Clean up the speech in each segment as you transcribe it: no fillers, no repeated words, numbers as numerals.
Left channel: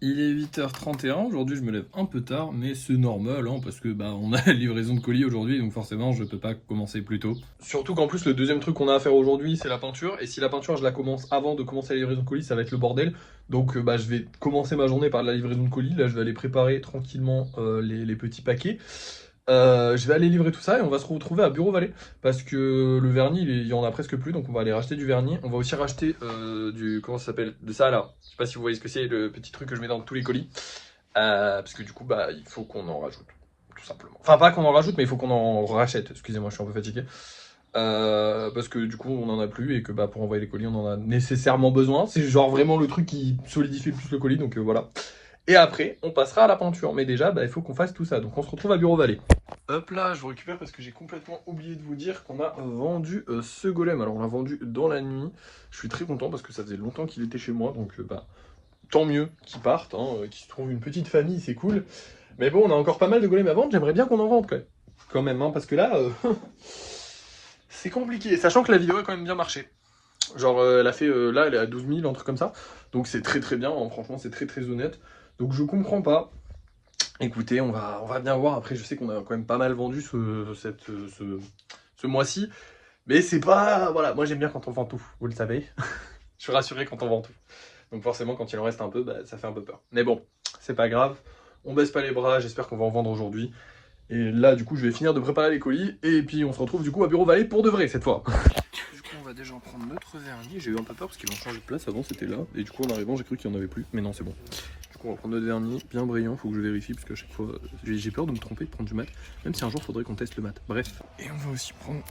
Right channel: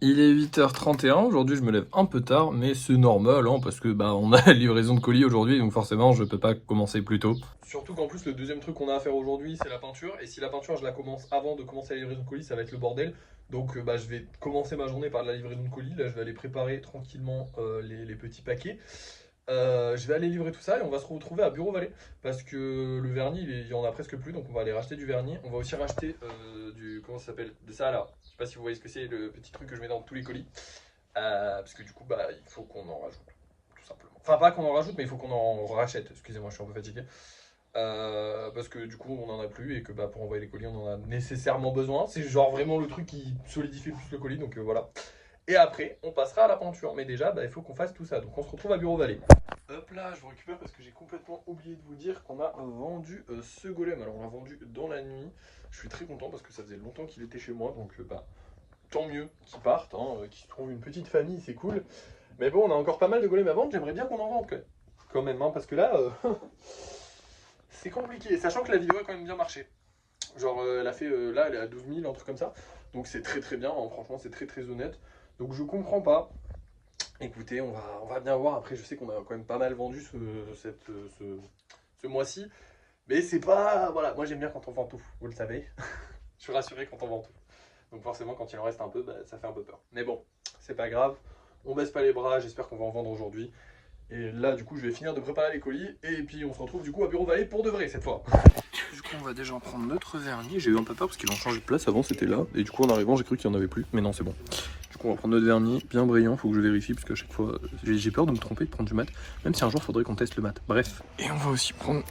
Il est 8h31, aujourd'hui je me lève un peu tard, mais c'est normal, hein, parce que on a la livraison de colis aujourd'hui, donc forcément je peux pas commencer plus tôt. Surtout qu'en plus le deuxième truc qu'on a à faire aujourd'hui c'est la peinture, et si la peinture je la commence avant de commencer la livraison de colis, ça va être le bordel. Donc je vais commencer ma journée par la livraison de colis, là je vais aller préparer tranquillement les petits paquets. Je vais aller livrer tout ça et on va se retrouver à Bureau Vallée parce que le vernis il y en a presque plus, donc on va aller racheter du vernis. On va aussi racheter du, comment ça s'appelle, de ça là, je sais pas si vous voyez ce que c'est, le petit truc que je mets dans tous les colis. Parce que du coup il faut qu'on en rajoute tout simplement, enfin pas qu'on en rajoute mais il faut qu'on en rachète, excusez-moi je suis un peu fatigué. Parce que du coup on en a plus et que pour envoyer les colis on en a nécessairement besoin, c'est genre vraiment le truc qui solidifie le plus le colis, donc voilà. Et après on passera à la peinture, mais déjà il faut qu'on fasse tout ça, donc on se retrouve à Bureau Vallée. Hop là, je vous récupère parce que j'ai complètement oublié de vous dire qu'on a vendu ce golem. Alors on l'a vendu dans la nuit. Je suis très content parce que ça faisait longtemps qu'il était chez moi, donc tant mieux qu'il parte, hein, qu'il se trouve une petite famille, c'est cool. Mais bon, on a encore pas mal de golems à vendre, j'aimerais bien qu'on en vende quand même, hein, parce que là, c'est compliqué, sachant que la vidéo a quand même bien marché. Genre elle a fait, là elle est à 12 000, un truc comme ça. Donc c'est très très bien, hein, franchement c'est très très honnête. Donc je comprends pas. Écoutez, on va bien voir. Après, je sais qu'on a quand même pas mal vendu ce mois-ci. Mais c'est pas... Voilà, moi j'aime bien quand on vend tout, vous le savez. Je suis rassuré quand on vend tout. Donc forcément, quand il en reste un peu, ça fait un peu peur. Mais bon, c'est pas grave. On baisse pas les bras, j'espère qu'on va en vendre aujourd'hui. Et là, du coup, je vais finir de préparer les colis. Et puis, on se retrouve du coup à Bureau Vallée pour de vrai, cette fois. Du coup, on va déjà en prendre notre vernis. J'ai eu un peu peur parce qu'ils ont changé de place. Avant, c'était là. Et du coup, en arrivant, j'ai cru qu'il n'y en avait plus. Mais non, c'est bon. Du coup, on va prendre notre vernis bien brillant. Faut que je vérifie parce qu'à chaque fois, j'ai peur de me tromper, de prendre du mat. Même si un jour, il faudrait qu'on teste le mat. Bref. Et on va aussi prendre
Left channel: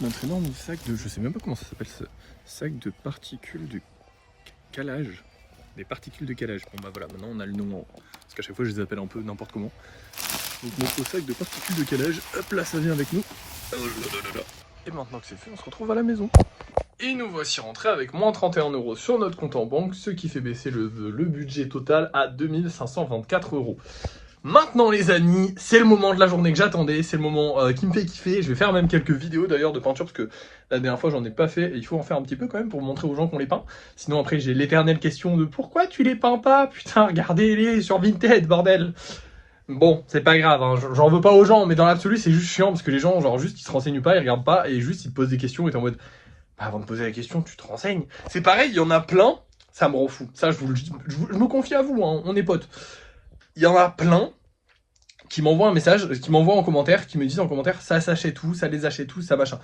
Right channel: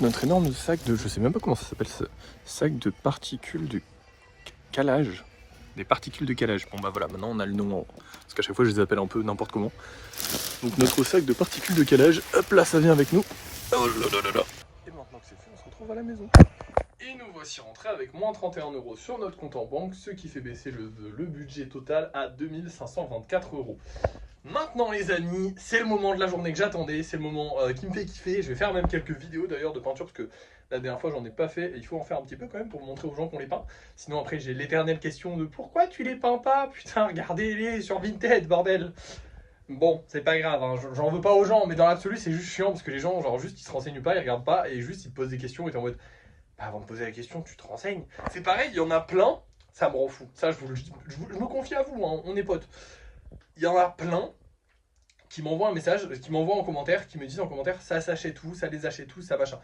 notre énorme sac de... Je sais même pas comment ça s'appelle, ce sac de particules de calage. Des particules de calage. Bon, voilà, maintenant on a le nom. Parce qu'à chaque fois, je les appelle un peu n'importe comment. Donc, notre sac de particules de calage. Hop là, ça vient avec nous. Oh là là là là. Et maintenant que c'est fait, on se retrouve à la maison. Et nous voici rentrés avec moins 31 € sur notre compte en banque, ce qui fait baisser le budget total à 2524 €. Maintenant les amis, c'est le moment de la journée que j'attendais, c'est le moment qui me fait kiffer. Je vais faire même quelques vidéos d'ailleurs de peinture parce que la dernière fois j'en ai pas fait et il faut en faire un petit peu quand même pour montrer aux gens qu'on les peint. Sinon après j'ai l'éternelle question de pourquoi tu les peins pas, putain regardez-les sur Vinted bordel. Bon, c'est pas grave, hein, j'en veux pas aux gens, mais dans l'absolu c'est juste chiant parce que les gens genre juste ils se renseignent pas, ils regardent pas et juste ils te posent des questions et t'es en mode avant de poser la question tu te renseignes. C'est pareil, il y en a plein, ça me rend fou, ça je vous le dis, je me confie à vous, hein, on est potes. Il y en a plein qui m'envoient un message, qui m'envoient en commentaire, qui me disent en commentaire ça s'achète où, ça les achète où, ça machin.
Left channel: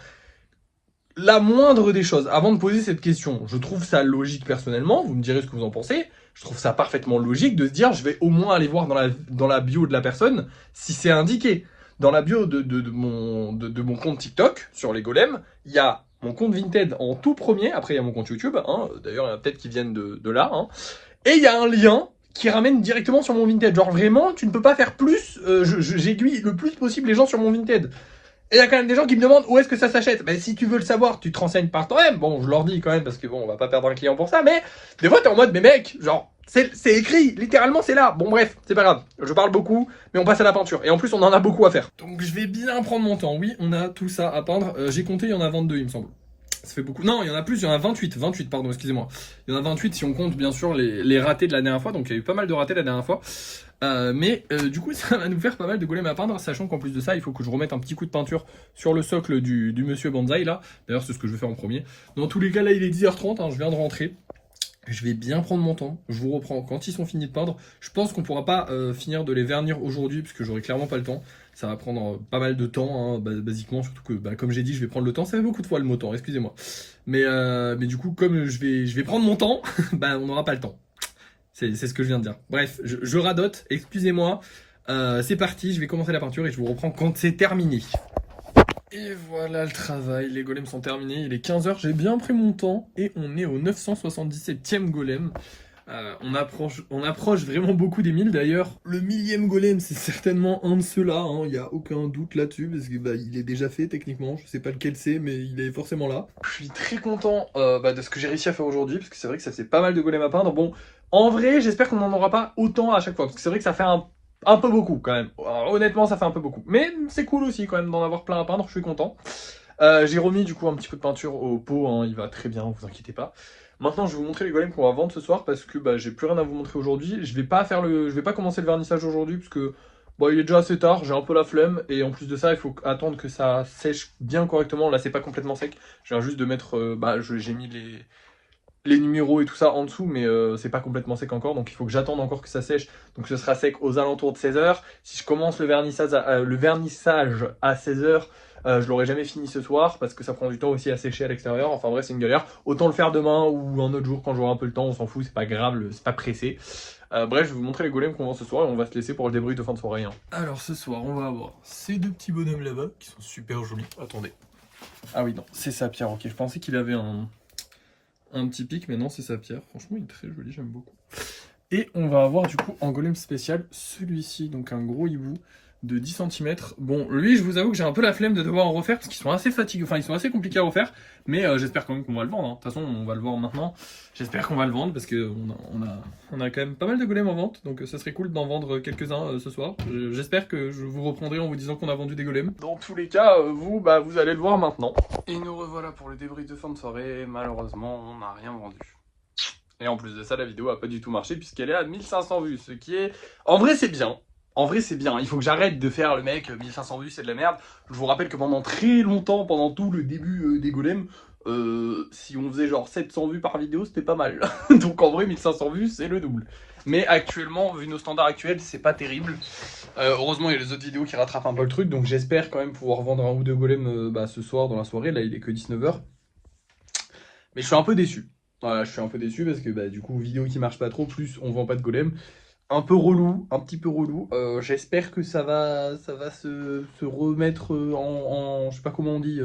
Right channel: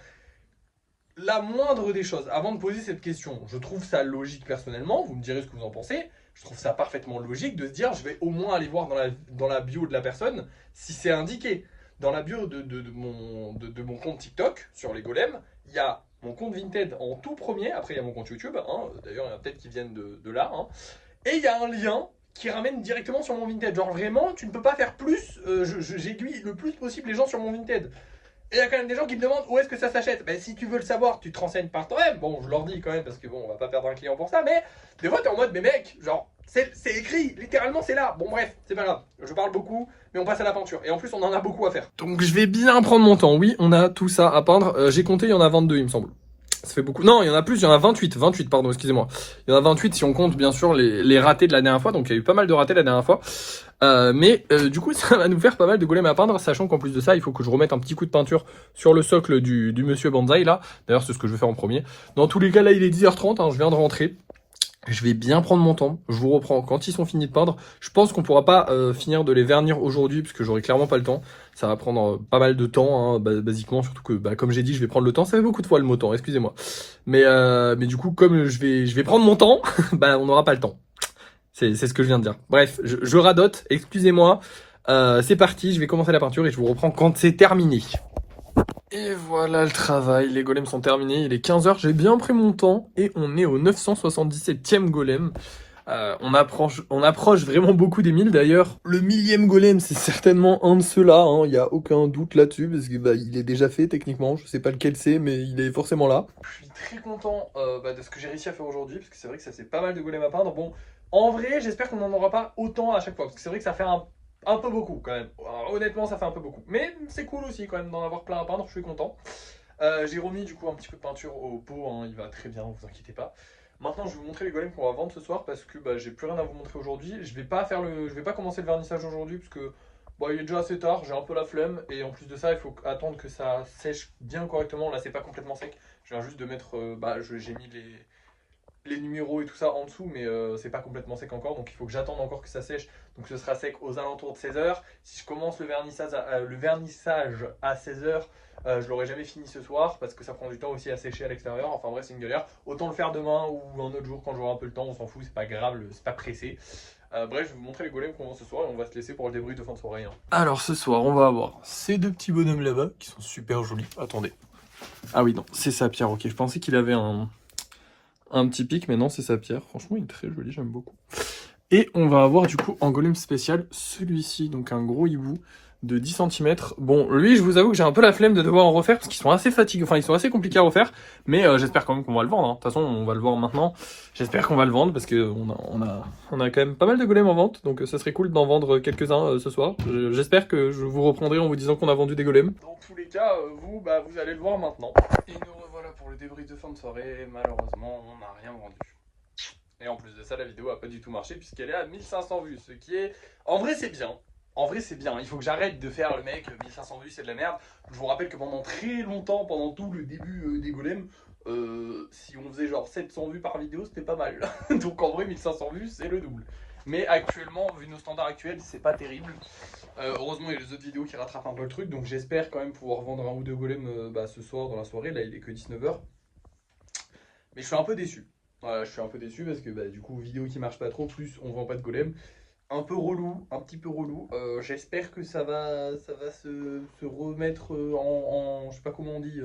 La moindre des choses, avant de poser cette question, je trouve ça logique personnellement, vous me direz ce que vous en pensez, je trouve ça parfaitement logique de se dire je vais au moins aller voir dans la bio de la personne si c'est indiqué. Dans la bio de mon compte TikTok, sur les golems, il y a mon compte Vinted en tout premier, après il y a mon compte YouTube, hein, d'ailleurs il y en a peut-être qui viennent de là, hein, et il y a un lien qui ramène directement sur mon Vinted. Genre vraiment, tu ne peux pas faire plus, j'aiguille le plus possible les gens sur mon Vinted. Et il y a quand même des gens qui me demandent où est-ce que ça s'achète. Ben, si tu veux le savoir, tu te renseignes par toi-même. Bon, je leur dis quand même parce que bon, on va pas perdre un client pour ça, mais des fois t'es en mode, mais mec, genre, c'est écrit, littéralement c'est là. Bon bref, c'est pas grave, je parle beaucoup, mais on passe à la peinture. Et en plus, on en a beaucoup à faire. Donc je vais bien prendre mon temps. Oui, on a tout ça à peindre. J'ai compté, il y en a 22, il me semble. Ça fait beaucoup. Non, il y en a plus, il y en a 28. 28, pardon, excusez-moi. Il y en a 28 si on compte bien sûr les ratés de la dernière fois. Donc il y a eu pas mal de ratés la dernière fois. Mais du coup, ça va nous faire pas mal de golems à peindre, sachant qu'en plus de ça, il faut que je remette un petit coup de peinture sur le socle du monsieur Banzai là. D'ailleurs, c'est ce que je vais faire en premier. Dans tous les cas, là, il est 10h30, hein, je viens de rentrer. Je vais bien prendre mon temps, je vous reprends quand ils sont finis de peindre. Je pense qu'on pourra pas finir de les vernir aujourd'hui, parce que j'aurai clairement pas le temps. Ça va prendre pas mal de temps, hein, basiquement, surtout que, comme j'ai dit, je vais prendre le temps. Ça fait beaucoup de fois le mot temps, excusez-moi. Mais du coup, comme je vais prendre mon temps, on n'aura pas le temps. C'est ce que je viens de dire. Bref, je radote, excusez-moi. C'est parti, je vais commencer la peinture et je vous reprends quand c'est terminé. Et voilà le travail, les golems sont terminés, il est 15h, j'ai bien pris mon temps et on est au 977e golem. On approche vraiment beaucoup des 1000 d'ailleurs. Le 1000e golem, c'est certainement un de ceux-là, hein, il n'y a aucun doute là-dessus, parce que il est déjà fait techniquement, je sais pas lequel c'est, mais il est forcément là. Je suis très content de ce que j'ai réussi à faire aujourd'hui, parce que c'est vrai que ça fait pas mal de golems à peindre. Bon, en vrai, j'espère qu'on n'en aura pas autant à chaque fois, parce que c'est vrai que ça fait un peu beaucoup quand même. Alors, honnêtement, ça fait un peu beaucoup. Mais c'est cool aussi quand même d'en avoir plein à peindre, je suis content. J'ai remis du coup un petit peu de peinture au pot, hein, il va très bien, vous inquiétez pas. Maintenant, je vais vous montrer les golems qu'on va vendre ce soir parce que bah, j'ai plus rien à vous montrer aujourd'hui. Je vais pas commencer le vernissage aujourd'hui parce que bon, il est déjà assez tard, j'ai un peu la flemme et en plus de ça, il faut attendre que ça sèche bien correctement. Là, c'est pas complètement sec. Je viens juste de mettre, j'ai mis les numéros et tout ça en dessous, mais c'est pas complètement sec encore, donc il faut que j'attende encore que ça sèche. Donc ce sera sec aux alentours de 16 h. Si je commence le vernissage à 16 h, je l'aurai jamais fini ce soir parce que ça prend du temps aussi à sécher à l'extérieur. Enfin bref, c'est une galère. Autant le faire demain ou un autre jour quand j'aurai un peu le temps, on s'en fout, c'est pas grave, c'est pas pressé. Bref, je vais vous montrer les golems qu'on vend ce soir et on va se laisser pour le débrief de fin de soirée, hein. Alors ce soir, on va avoir ces deux petits bonhommes là-bas qui sont super jolis. Attendez. Ah oui, non, c'est sa pierre, ok. Je pensais qu'il avait un petit pic, mais non, c'est sa pierre. Franchement, il est très joli, j'aime beaucoup. Et on va avoir du coup en golem spécial celui-ci, donc un gros hibou de 10 cm. Bon, lui, je vous avoue que j'ai un peu la flemme de devoir en refaire parce qu'ils sont assez fatigués, enfin ils sont assez compliqués à refaire, mais j'espère quand même qu'on va le vendre, hein. De toute façon, on va le voir maintenant. J'espère qu'on va le vendre parce que on a quand même pas mal de golems en vente, donc ça serait cool d'en vendre quelques-uns ce soir. J'espère que je vous reprendrai en vous disant qu'on a vendu des golems. Dans tous les cas, vous allez le voir maintenant. Et nous revoilà pour le débrief de fin de soirée. Malheureusement, on n'a rien vendu. Et en plus de ça, la vidéo a pas du tout marché puisqu'elle est à 1500 vues, ce qui est... En vrai, c'est bien. En vrai, c'est bien. Il faut que j'arrête de faire le mec, 1500 vues, c'est de la merde. Je vous rappelle que pendant très longtemps, pendant tout le début des golems, si on faisait genre 700 vues par vidéo, c'était pas mal. Donc en vrai, 1500 vues, c'est le double. Mais actuellement, vu nos standards actuels, c'est pas terrible. Heureusement, il y a les autres vidéos qui rattrapent un peu le truc. Donc j'espère quand même pouvoir vendre un ou deux golems ce soir dans la soirée. Là, il est que 19 h. Mais je suis un peu déçu. Voilà, je suis un peu déçu parce que du coup, vidéo qui marche pas trop, plus on vend pas de golem. Un peu relou, un petit peu relou. J'espère que ça va se remettre je sais pas comment on dit,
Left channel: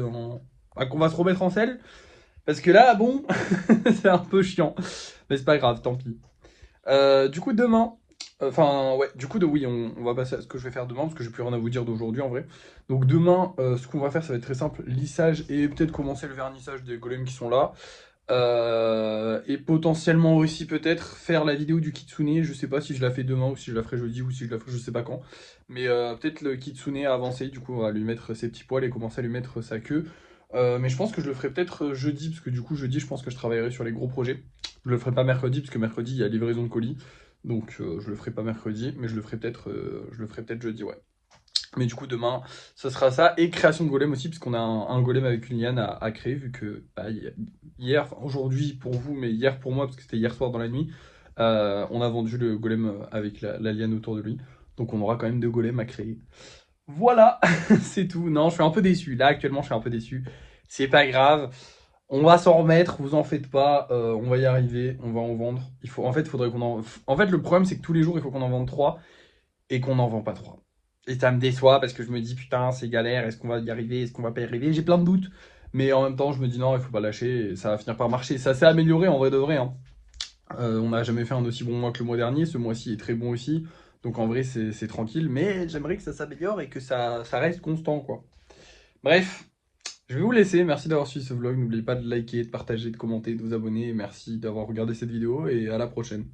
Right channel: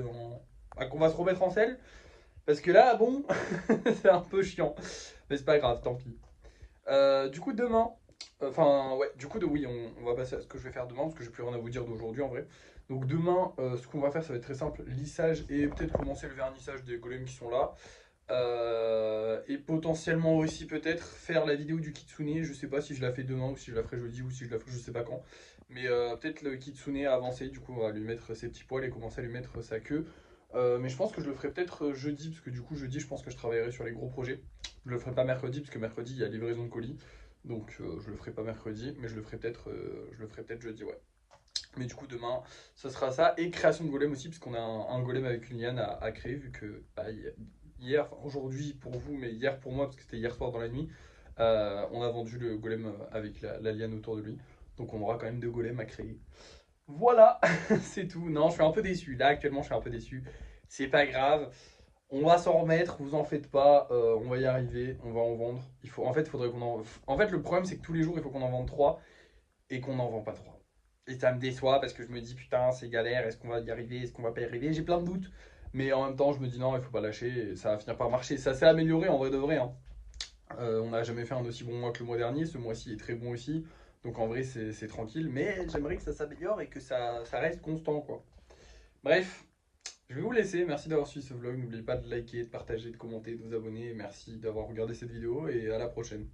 qu'on va se remettre en selle. Parce que là, bon, c'est un peu chiant. Mais c'est pas grave, tant pis. Du coup, demain, oui, on va passer à ce que je vais faire demain parce que j'ai plus rien à vous dire d'aujourd'hui en vrai. Donc demain, ce qu'on va faire, ça va être très simple, lissage et peut-être commencer le vernissage des golems qui sont là. Et potentiellement aussi peut-être faire la vidéo du kitsune. Je sais pas si je la fais demain ou si je la ferai jeudi ou si je la ferai je sais pas quand. Mais peut-être le kitsune a avancé, du coup on va lui mettre ses petits poils et commencer à lui mettre sa queue. Mais je pense que je le ferai peut-être jeudi, parce que du coup jeudi je pense que je travaillerai sur les gros projets. Je le ferai pas mercredi, parce que mercredi il y a livraison de colis. Donc je le ferai pas mercredi, mais je le ferai peut-être jeudi, ouais. Mais du coup demain ce sera ça, et création de golem aussi, parce qu'on a un golem avec une liane à créer, vu que hier, enfin aujourd'hui pour vous, mais hier pour moi, parce que c'était hier soir dans la nuit, on a vendu le golem avec la liane autour de lui. Donc on aura quand même deux golems à créer. Voilà, c'est tout. Non, je suis un peu déçu. Là actuellement je suis un peu déçu. C'est pas grave. On va s'en remettre, vous en faites pas, on va y arriver, on va en vendre. En fait, faudrait qu'on en... En fait, le problème c'est que tous les jours il faut qu'on en vende 3 et qu'on n'en vend pas 3. Et ça me déçoit parce que je me dis putain, c'est galère, est-ce qu'on va y arriver, est-ce qu'on va pas y arriver? J'ai plein de doutes. Mais en même temps, je me dis non, il faut pas lâcher, et ça va finir par marcher. Ça s'est amélioré en vrai de vrai, hein. On n'a jamais fait un aussi bon mois que le mois dernier, ce mois-ci est très bon aussi. Donc en vrai, c'est tranquille, mais j'aimerais que ça s'améliore et que ça reste constant, quoi. Bref, je vais vous laisser. Merci d'avoir suivi ce vlog. N'oubliez pas de liker, de partager, de commenter, de vous abonner. Merci d'avoir regardé cette vidéo et à la prochaine.